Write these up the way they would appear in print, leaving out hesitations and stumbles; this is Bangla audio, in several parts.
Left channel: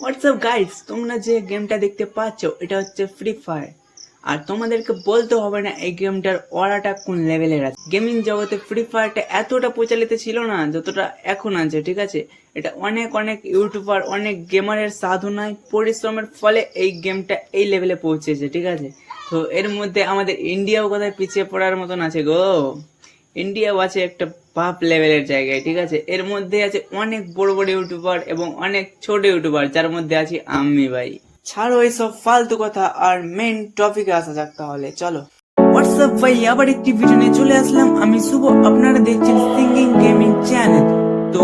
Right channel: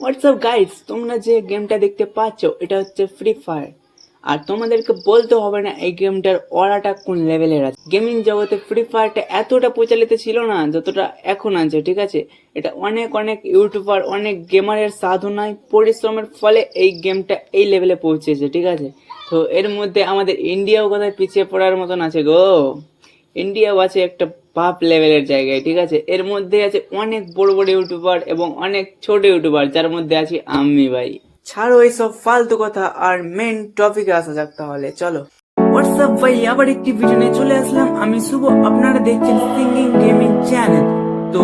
হোয়াটসঅ্যাপ গাইস, তোমরা যে গেমটা দেখতে পাচ্ছ এটা হচ্ছে ফ্রি ফায়ার। আর তোমাদেরকে বলতে হবে না এই গেমটার অরাটা কোন লেভেলের আছে। গেমিং জগতে ফ্রি ফায়ারটা এতটা প্রচলিত ছিল না যতটা এখন আছে, ঠিক আছে। এটা অনেক অনেক ইউটিউবার, অনেক গেমারের সাধনায় পরিশ্রমের ফলে এই গেমটা এই লেভেলে পৌঁছেছে, ঠিক আছে। তো এর মধ্যে আমাদের ইন্ডিয়াও কোথায় পিছিয়ে পড়ার মতন আছে গো। ইন্ডিয়াও আছে একটা বাপ লেভেলের জায়গায়, ঠিক আছে। এর মধ্যে আছে অনেক বড় বড় ইউটিউবার এবং অনেক ছোট ইউটিউবার, যার মধ্যে আছি আমি ভাই। ছাড়ো এইসব ফালতু কথা, আর মেন টপিকে আসা যাক তাহলে, চলো। হোয়াটসঅ্যাপ ভাই, আবার একটি ভিডিও নিয়ে চলে আসলাম। আমি শুভ, আপনারা দেখছেন সিঙ্গিং গেমিং চ্যানেল। তো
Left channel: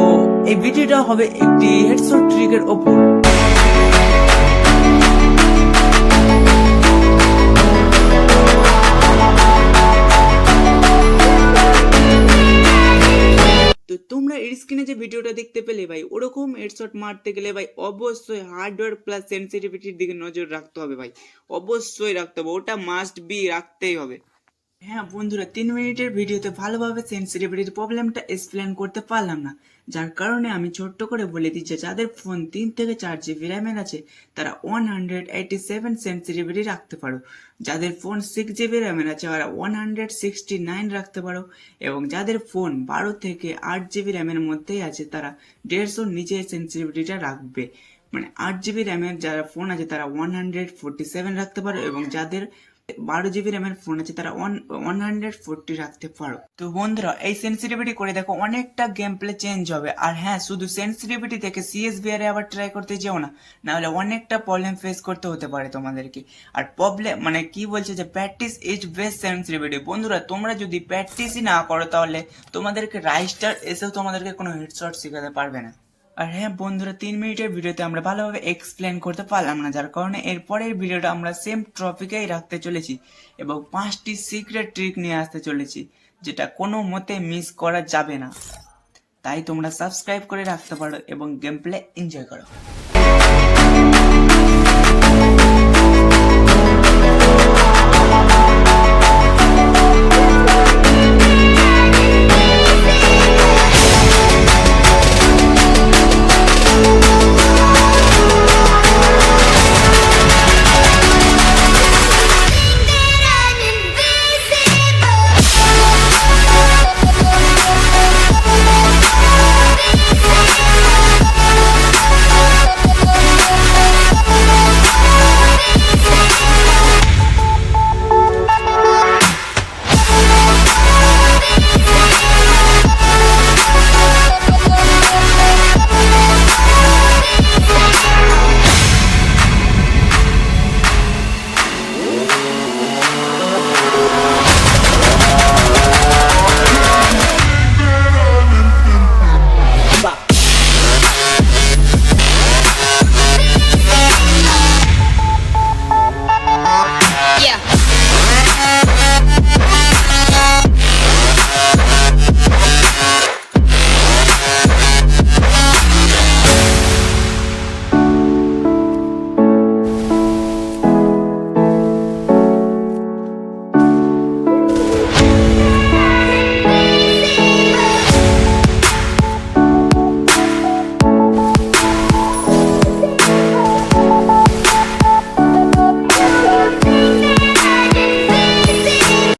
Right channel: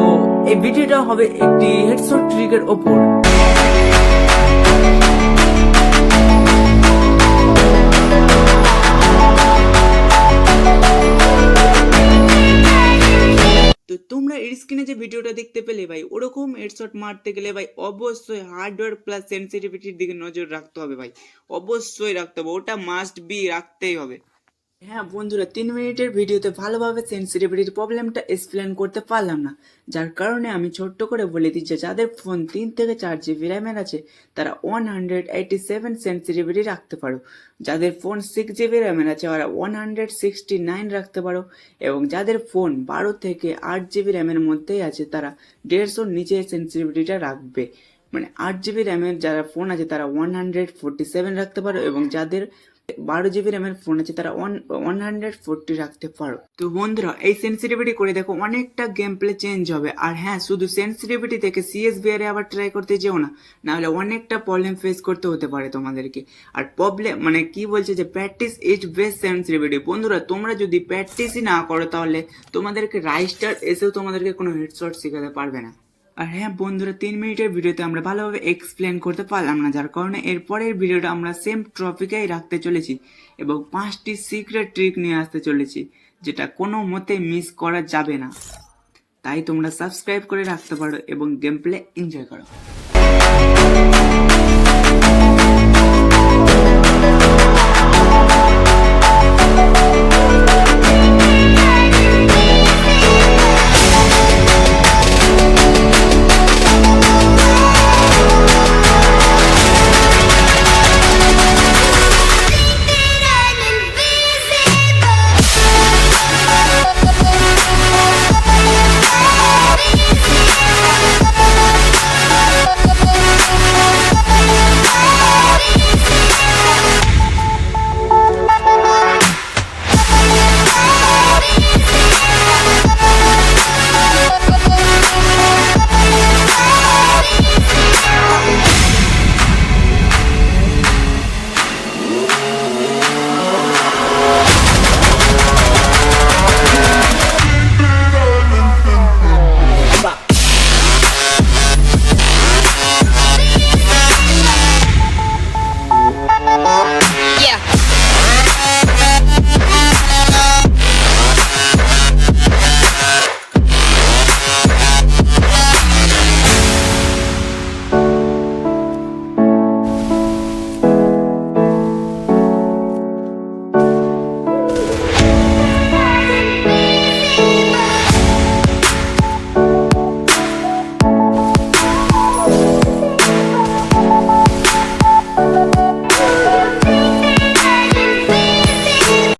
এই ভিডিওটা হবে একটি হেডশট ট্রিকের ওপর। তো তোমরা এর স্ক্রিনে যে ভিডিওটা দেখতে পেলে ভাই, ওরকম হেডশট মারতে গেলে ভাই অবশ্যই হার্ডওয়্যার প্লাস সেন্সিটিভিটির দিকে নজর রাখতে হবে ভাই। অবশ্যই রাখতে হবে, ওটা মাস্ট বি, রাখতেই হবে। হ্যাঁ বন্ধুরা, 3 মিনিটের ভিডিওতে ভালোভাবে সেন্সিটিভিটির প্রবলেমটা এক্সপ্লেন করতে পারলাম না, যার কারণে আমি ছোট্ট করে বলে দিচ্ছি, যাদের ফোন 3 থেকে 4 GB র্যামের আছে তারা 187 সেন্সিটিভিটি রাখতে পারো। যাদের ফোন 6 GB র্যামের আছে ওরা 169 রাখতে পারো। এবং যাদের ফোন 12 থেকে 8 GB র্যামের মধ্যেই আছে তারা 150 নিচে সেন্সিটিভিটিটা রাখবে। মানে 8 GB র্যামের যারা ফোন আছে তারা 147 রাখতে পারো, এবং যাদের 12 GB র্যামের ফোন আছে তারা 140 রাখতে পারো। তো বন্ধুরা, এই সেন্সিটিভিটি করে দেখো, অনেকটা গেম প্লে চেঞ্জ হবে। আর হ্যাঁ, শুধু সেন্সিটিভিটি থেকে CSVR আবার ট্রাই করতে যেও না, নাহলে অনেকটা প্রবলেম ফেস করতে হতে পারে তোমাদেরকে। আর প্রবলেম মানে কি বলছে যে প্র্যাকটিস ইজ বেস্ট সেন্সিটিভিটি। বন্ধুরা, তোমরা যদি প্র্যাকটিসই না করো তাহলে তোমাদেরকে রাইস্টার এসেও তোমাদেরকে কোনো হেডশট শেখাতে পারবে না। আর হ্যাঁ বন্ধুরা, 3 মিনিটের ভিডিওতে আমরা ভালোভাবে এক্সপ্লেন করতে পারলাম না, যার কারণে এরপরের ভিডিওটা আমরা সেম টপিকেই রাখতে চলেছি এবং 5টি সিক্রেট ট্রিক নিয়ে আসতে চলেছি, যেটা কোনো মতে মিস করা যাবে না। তাই তোমরা সাবস্ক্রাইব করে রাখতে পারো এবং গেম প্লে এনজয় করো।